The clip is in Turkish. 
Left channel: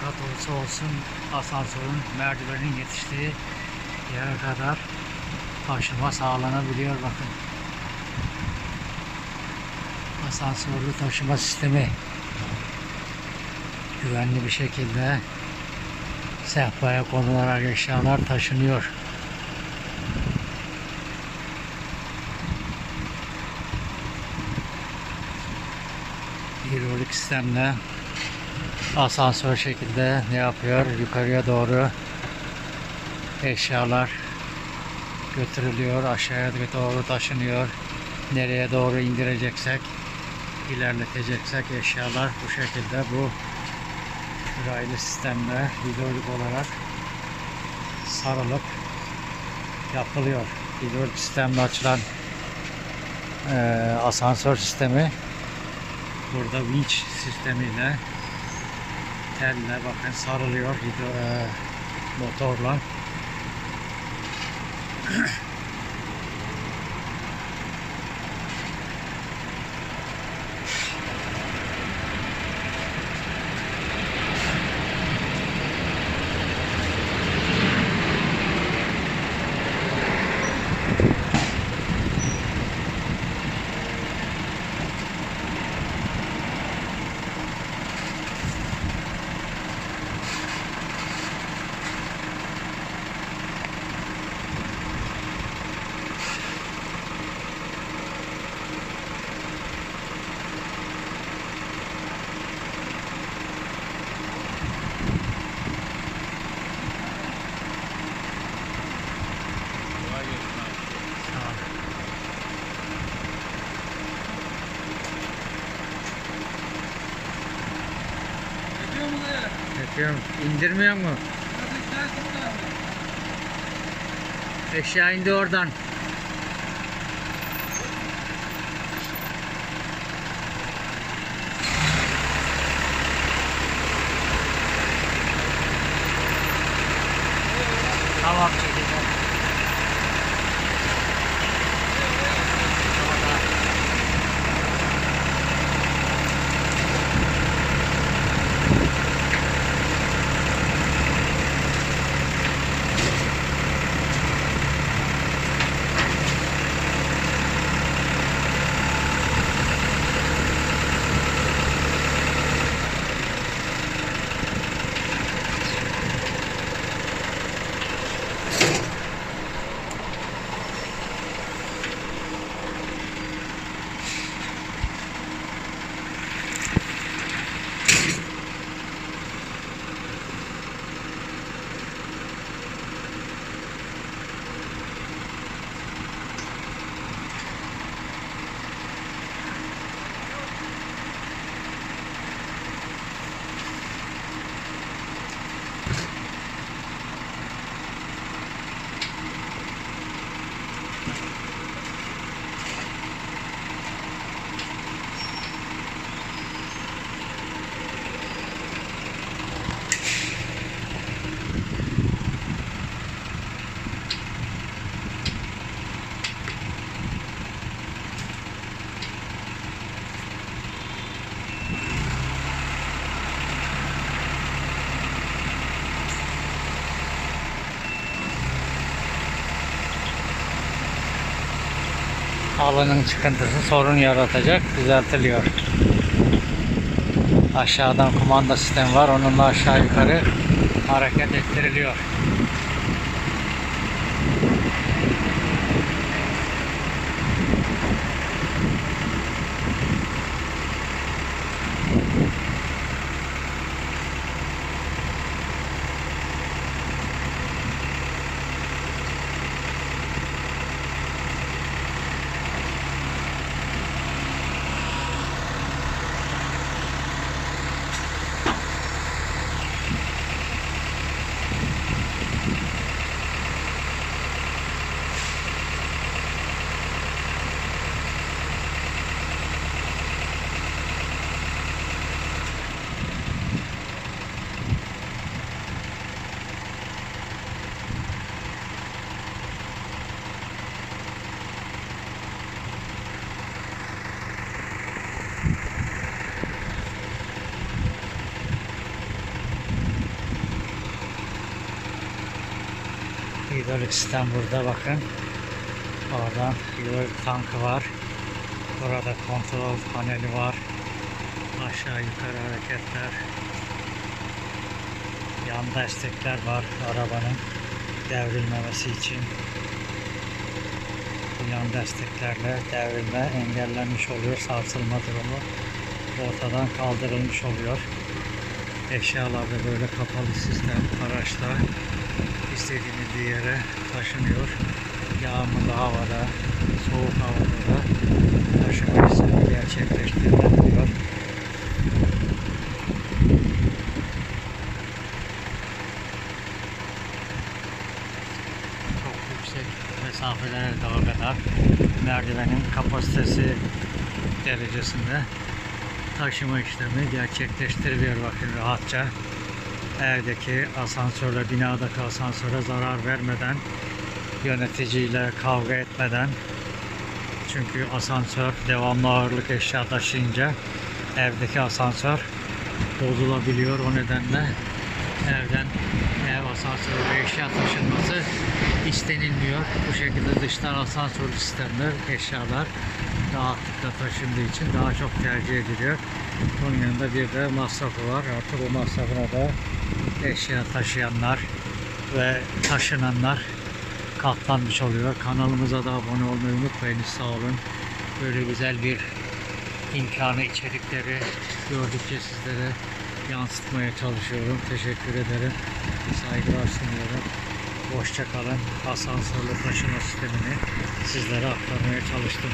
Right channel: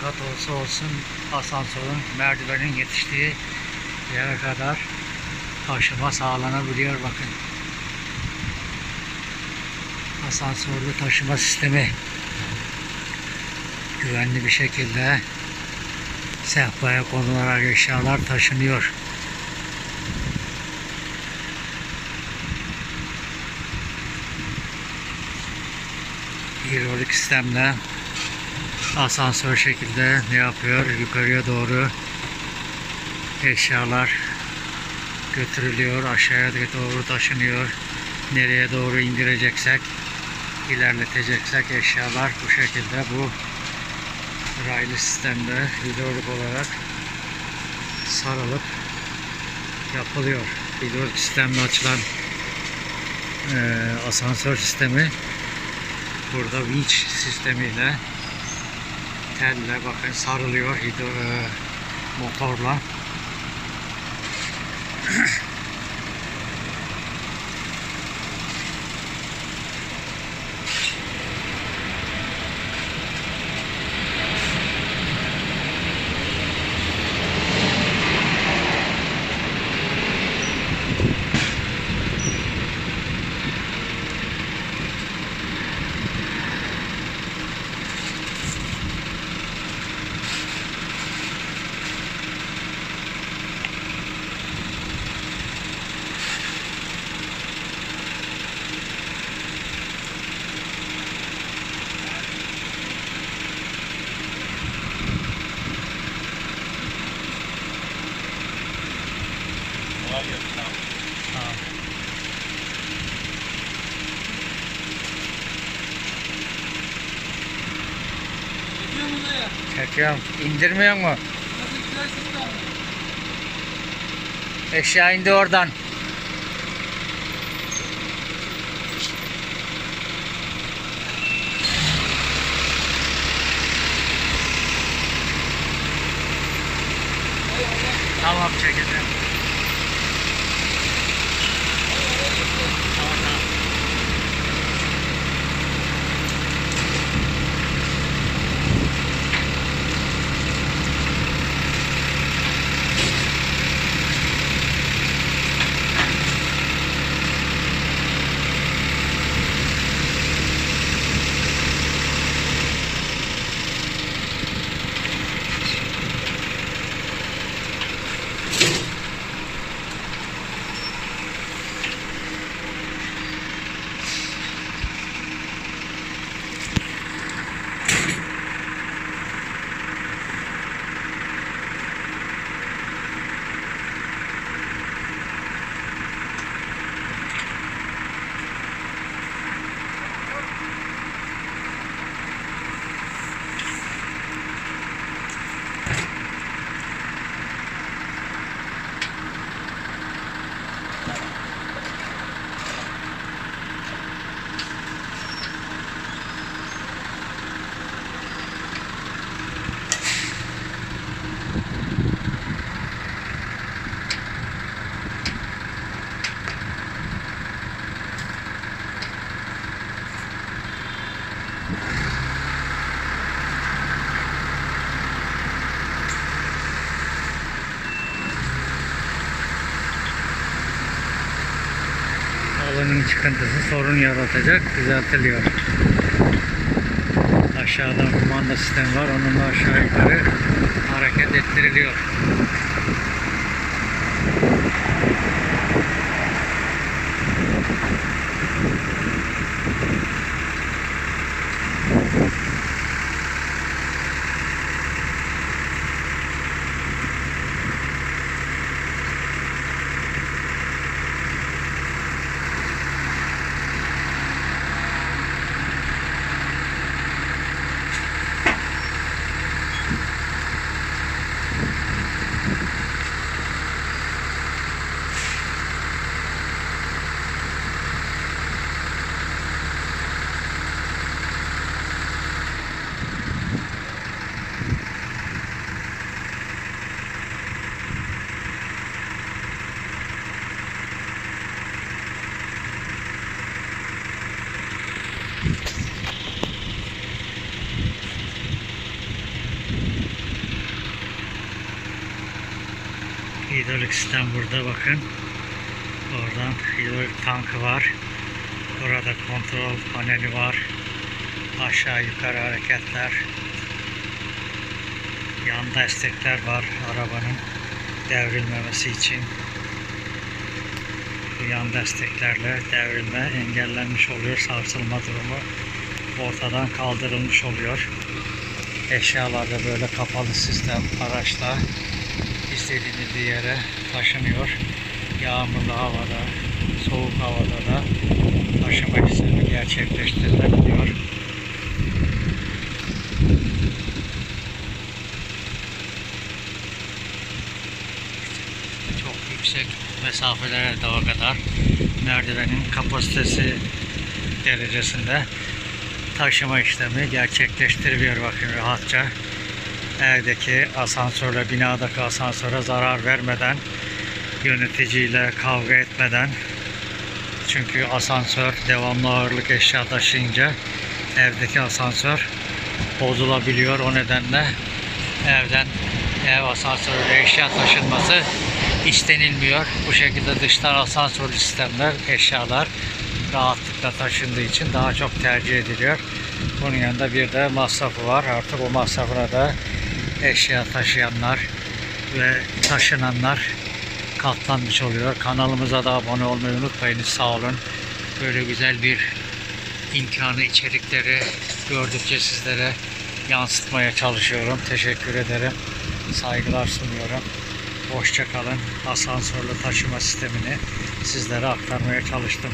kat olsa olsun asansörün merdivenin yetiştiği yere kadar taşıma sağlanabiliyor bakın. Asansörlü taşıma sistemi güvenli bir şekilde sehpaya konularak eşyalar taşınıyor. Hidrolik sistemle asansör şekilde ne yapıyor? Yukarıya doğru eşyalar götürülüyor. Aşağıya doğru taşınıyor. Nereye doğru indireceksek ilerleteceksek eşyalar bu şekilde bu raylı sistemde hidrolik olarak sarılıp yapılıyor. Hidrolik sistemle açılan eee, asansör sistemi burada winch sistemiyle telle bakın sarılıyor hidro, eee, motorla. Çekiyorum. İndirmiyor mu? Eşya indi oradan. Tamam çekeceğim. Tamam tamam. Halının çıkıntısı sorun yaratacak, düzeltiliyor. Aşağıdan kumanda sistemi var, onunla aşağı yukarı hareket ettiriliyor. Hidrolik sistem burada bakın. Oradan hidrolik tankı var. Burada kontrol paneli var. Aşağı yukarı hareketler. Yan destekler var arabanın devrilmemesi için. Bu yan desteklerle devrilme engellenmiş oluyor. Sarsılma durumu ortadan kaldırılmış oluyor. Eşyalar da böyle kapalı sistem araçta istediğiniz yere taşınıyor. Yağmurlu havada, soğuk havada da taşıma işlemi gerçekleştirilebiliyor. Çok yüksek mesafelere dağa kadar merdivenin kapasitesi derecesinde taşıma işlemi gerçekleştiriliyor bakın rahatça. Evdeki asansörle, binadaki asansöre zarar vermeden, yöneticiyle kavga etmeden çünkü asansör devamlı ağırlık eşya taşıyınca evdeki asansör bozulabiliyor. O nedenle evden ev asansörüyle eşya taşınması istenilmiyor. Bu şekilde dıştan asansörlü sistemler, eşyalar rahatlıkla taşındığı için daha çok tercih ediliyor. Bunun yanında bir de masrafı var. Artık o masrafına da eşya taşıyanlar ve taşınanlar katlanmış oluyor. Kanalımıza da abone olmayı unutmayınız. Sağ olun. Böyle güzel bir imkanı, içerikleri gördükçe sizlere yansıtmaya çalışıyorum. Teşekkür ederim. Saygılar sunuyorum. Hoşça kalın. Asansörlü taşıma sistemini sizlere aktarmaya çalıştım.